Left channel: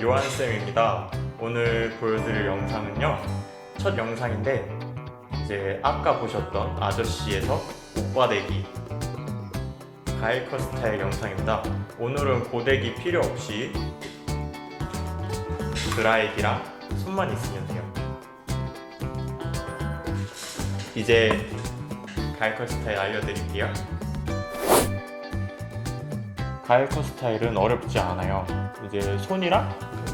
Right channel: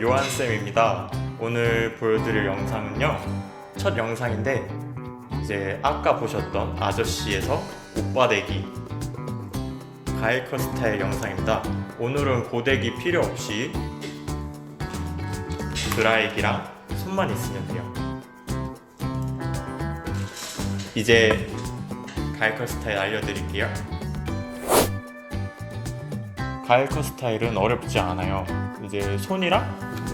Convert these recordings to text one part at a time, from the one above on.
요한쌤입니다. 오늘 보여드릴 영상은요. 첫 영상인데, 이제 아까 보셨던 아저씨에서 오빠대기 가일컷 스타일 영상입니다. 오늘은 고데기 필요 없이 드라이기랑 손만 있으면 돼요. 이제 가일컷 스타일 알려드릴게요. 가일컷 스타일은 어렵지 않아요. 이제 손이랑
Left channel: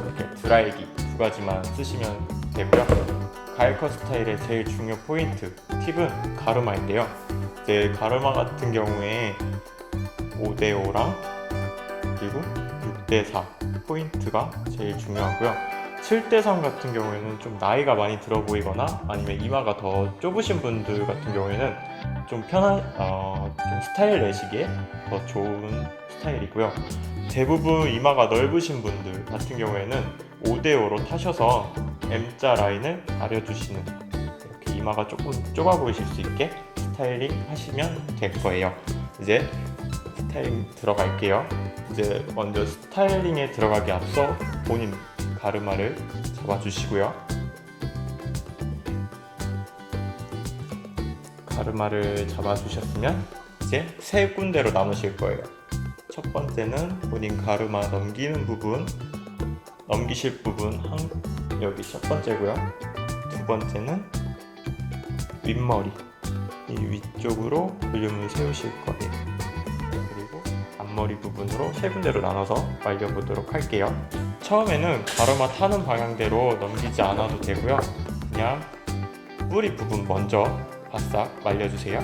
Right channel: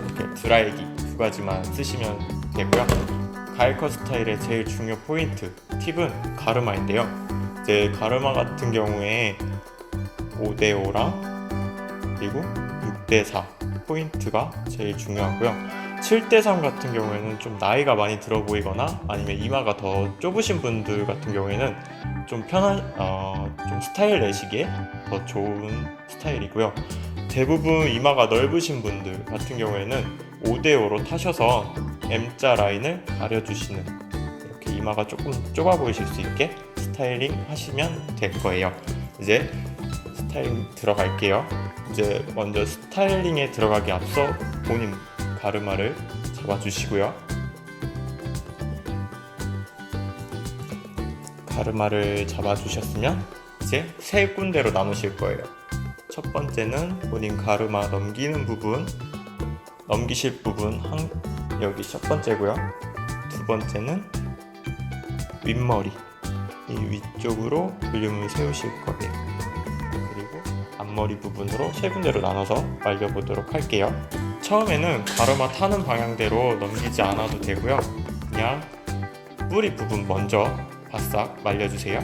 이렇게 드라이기 두 가지만 쓰시면 되고요. 가일컷 스타일의 제일 중요 포인트 팁은 가르마인데요. 이제 가르마 같은 경우에 5대5랑 그리고 6대4 포인트가 제일 중요하고요. 7대3 같은 경우에는 좀 나이가 많이 들어 보이거나 아니면 이마가 더 좁으신 분들 같은 경우에는 좀 편한 어, 좀 스타일 내시기에 더 좋은 스타일이고요. 대부분 이마가 넓으신 분들 같은 경우에는 5대5로 타셔서 M자 라인을 가려주시는 이렇게 이마가 조금 좁아 보이실 수 있게 스타일링 하시면 될 거예요. 이제 스타일링 들어갈게요. 이제 먼저 스타일링에 들어가기 앞서 본인 가르마를 잡아주시고요. 가르마를 잡아주셨으면 이제 세 군데로 나누실 거예요. 첫 번째는 본인 가르마 넘기는 부분, 넘기실 부분 한 여기 첫 번째고요. 두 번째는 윗머리 이 위쪽으로 볼륨을 세우실 거예요. 그리고 앞머리 부분으로 세 군데로 나눠서 말려보도록 할게요. 처음에는 가르마 타는 방향대로 넘기지 않아도 되고요. 그냥 뿌리 부분 먼저 바싹 말려주세요.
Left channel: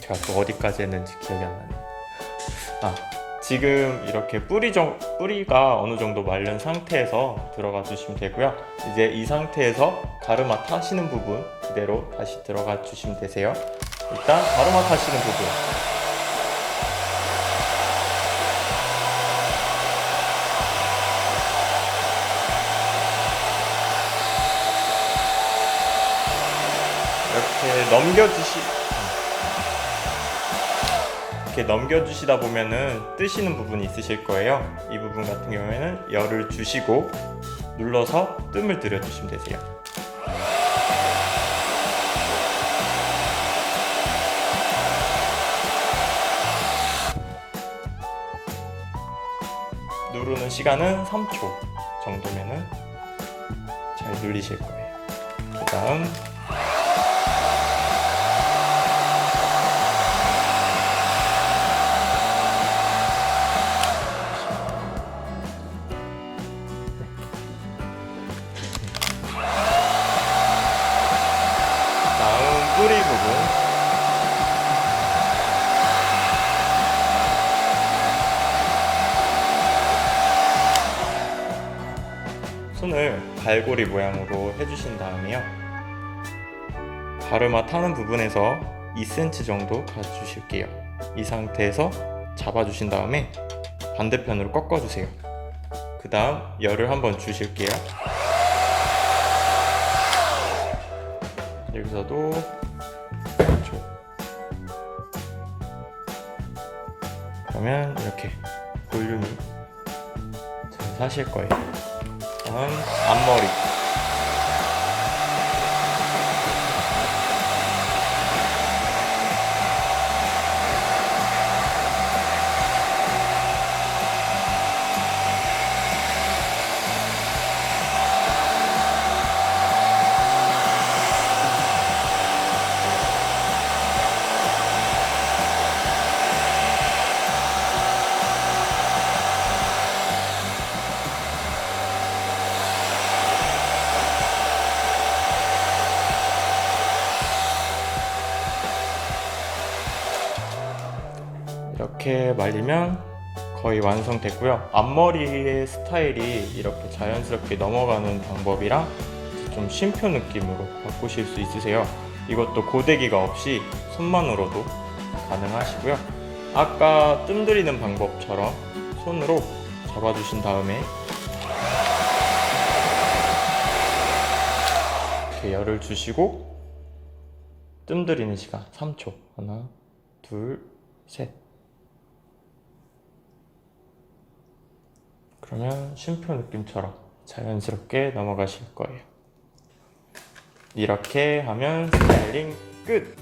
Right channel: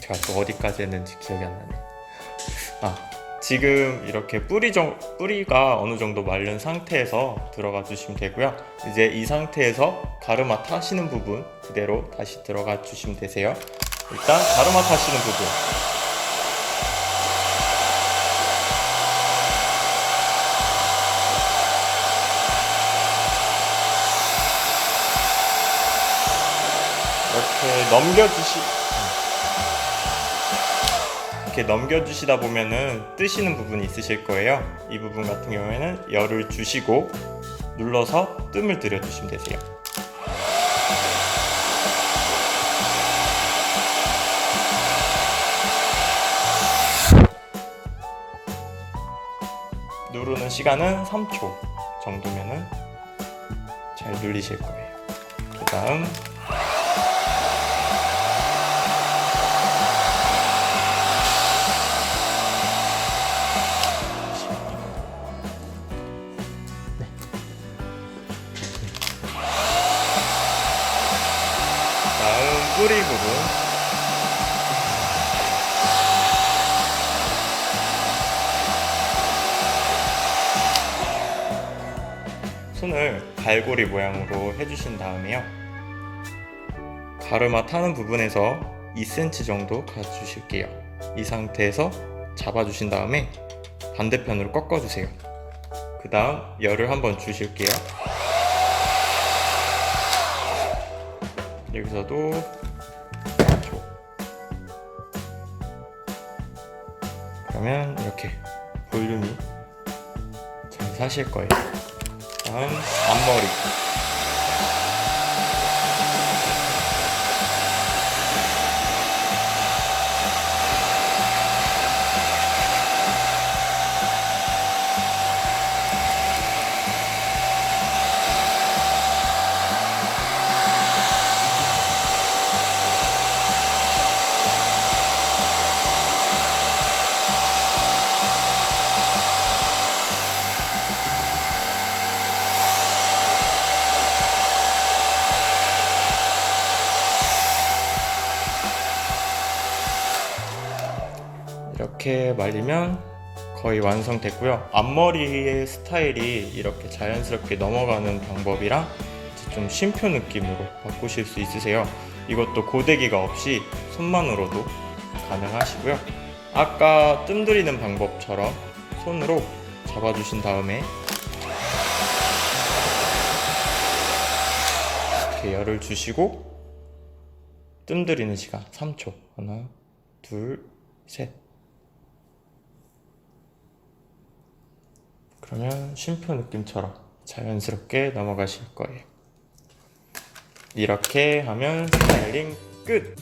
제가 또 어디까지 했는지 기억이 안 나네. 아, 지금 이렇게 뿌리 정, 뿌리가 어느 정도 말른 상태에서 들어가 주시면 되고요. 이제 이 상태에서 가르마 타시는 부분 그대로 다시 들어가 주시면 되세요. 일단 가르마 타시는 부분 이렇게 넘겨주시 이렇게 넘겨주시다 보면은 뜨시는 부분이 있으실 거예요. 이 부분 같은 경우에는 열을 주시고 눌러서 뜸을 들여주시면 되세요. 누르는 시간은 3초 정도면은 잘 눌리실 거예요. 그 다음. 다음 뿌리 부분 손을 갈고리 모양으로 해주신 다음에요. 가르마 타는 부분에서 2cm 정도 가주실게요. 이 상태에서 잡아주신 다음에 반대편으로 꺾어주세요. 그 다음 열을 한번 주실게요. 여기서도 3초 그러면 이렇게 볼륨이 잘 사실 거예요 다음 앞머리 이렇게 말리면 거의 완성됐고요. 앞머리의 스타일이 이렇게 자연스럽게 넘어가는 방법이랑 좀 쉼표 느낌으로 바꾸실 수 있으세요. 이것도 고데기가 없이 손만으로도 가능하시고요. 아까 뜸들이는 방법처럼 손으로 잡아주신 다음에 이렇게 열을 주시고 뜸들이는 시간 3초 하나 둘 셋. 그러면 쉼표 느낌처럼 자연스럽게 넘어가실 거예요. 이렇게 하면 스타일링 끝!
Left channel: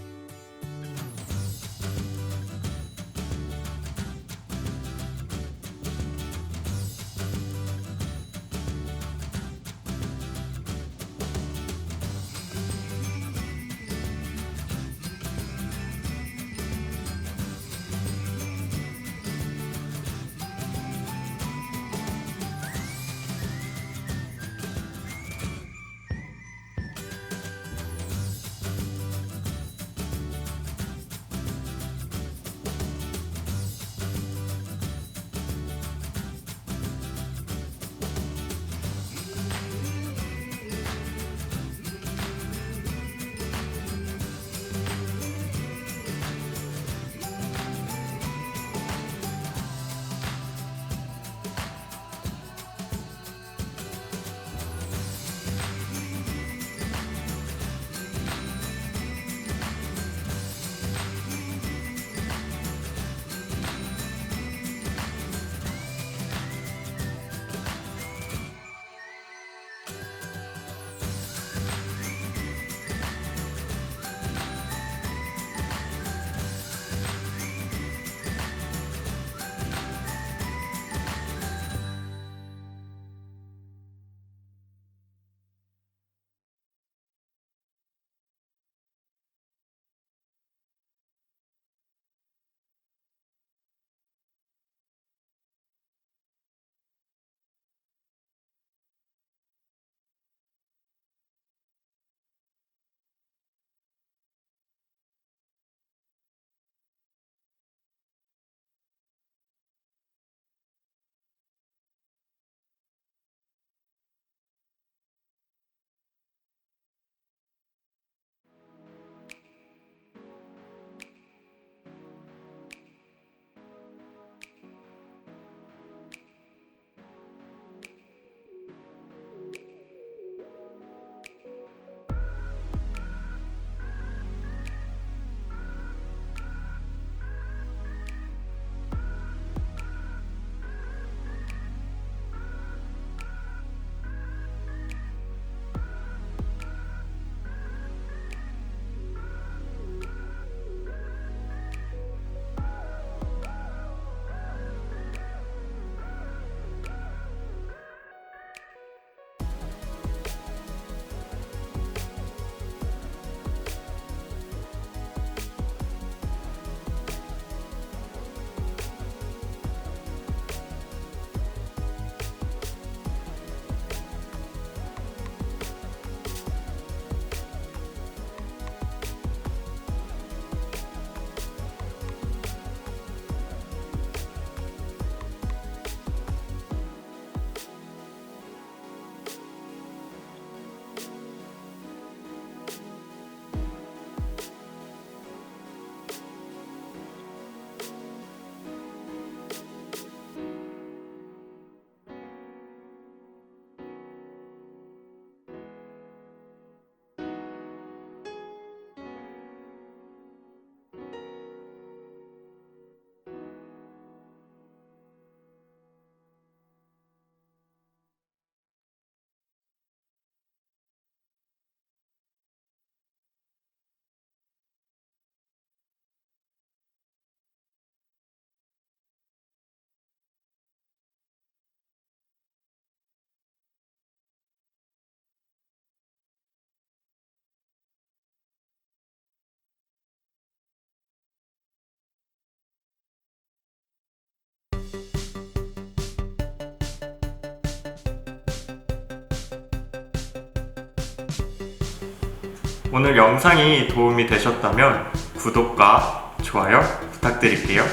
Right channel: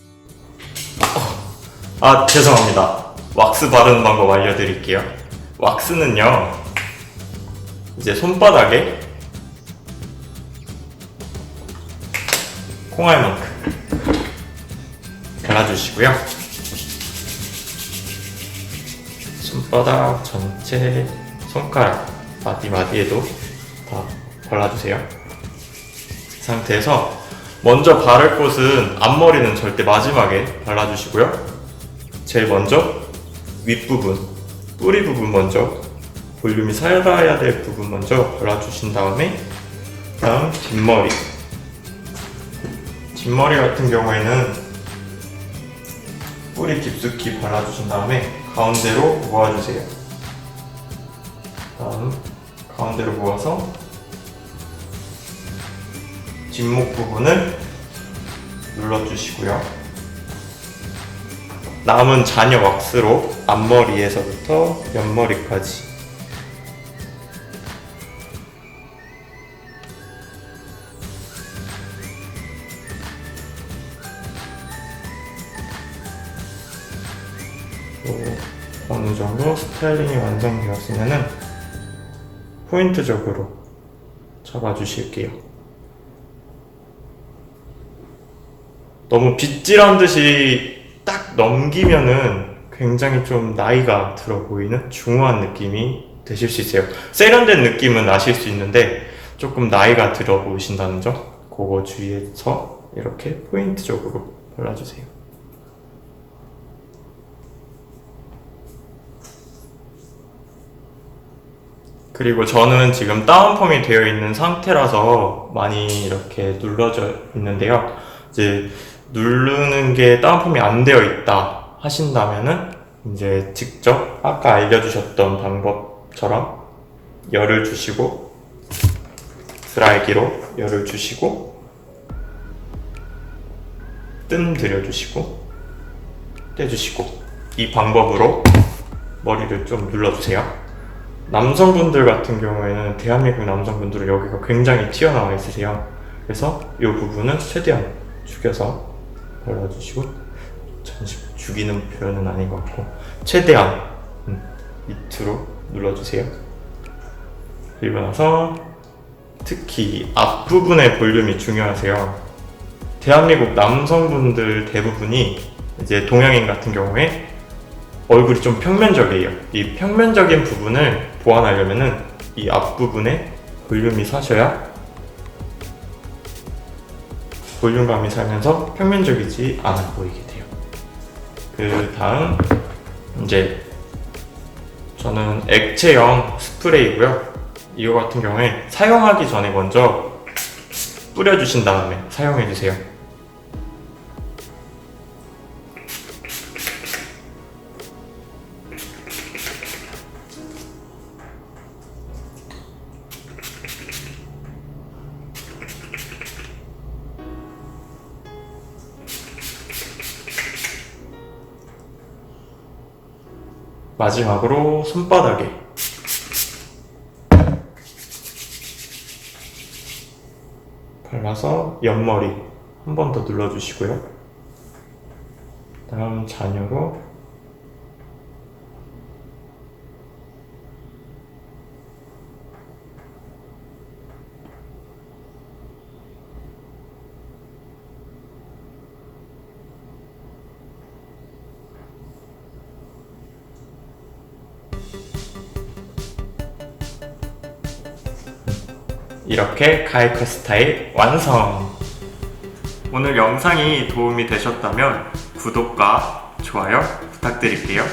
아, 죄송합니다. 왁스 바르는 방법 알려드릴게요. 왁스는요, 이제 손바닥에 콩알만큼 발라주시고요. 손바닥 전체, 손가락, 마디 마디에도 다 발라주세요. 이 상태에서 먼저 바를 곳은 앞머리는 절대 마지막에 발라주시고요. 제일 먼저 윗부분, 뿌리 부분 먼저 볼륨이 살아야 될 부분 먼저 발라주신 다음에 다음 뒷머리 뒷머리 같은 경우에는 뿌리 깊숙이 발라주신 다음에 가운데로 모아주세요 다음 가운데로 모아서 뒷목 부분을 눌러주시고요. 남은 잔여 왁스로 앞머리에서부터 옆머리까지. 또 어느 정도 스타일링이 완성되었으면은 포인트적으로 잡아주실게요. 너무 빗질한 듯이 딱 넘기면은 굉장히 좀 나이가 들어 보이는 중후한 느낌이 되실 수 있어요. 세련된 느낌은 아실 수 있는데 조금 나이가 들어 보이신다는 점 그거 주의해서 이렇게 포인트적으로 발라주세요. 그리고 저는 지금 다운펌이 되어 있는 상태라서 많이 이렇게 눌러져 있는데요. 이제 누르는 게 다운펌이 안 되어 있다 하신다면은 이제 직접 아까 알려주셨던 방법처럼 열을 주시고 드라이기로 열을 주시고 뜸 들여주시고 떼주시고 이 방법으로 머리를 좀 눌러주세요. 남성분들 같은 경우에는 대한민국 남성분들은 여기가 굉장히 튀어나와 있으세요. 그래서 이 부분은 최대한 죽여서 발라주시고 잠시 죽이는 표현은 아닌 것 같고 최대한 음, 밑으로 눌러주세요. 그리고 나서 특히 앞부분의 볼륨이 중요하세요. 대한민국 남성분들 대부분이 이제 동양인 같은 경우에 얼굴이 좀 평면적이에요. 이 평면적인 부분을 보완하려면은 이 앞부분에 볼륨이 사셔야 볼륨감이 살면서 평면적이지 않아 보이게 돼요. 그 다음 이제 저는 액체형 스프레이고요. 이거 같은 경우에 사용하기 전에 먼저 뿌려주신 다음에 사용해 주세요. 마지막으로 손바닥에 발라서 옆머리 한 번 더 눌러주시고요. 다음 잔여로 이렇게 가이커 스타일 완성! 오늘 영상이 도움이 되셨다면 구독과 좋아요 부탁드릴게요.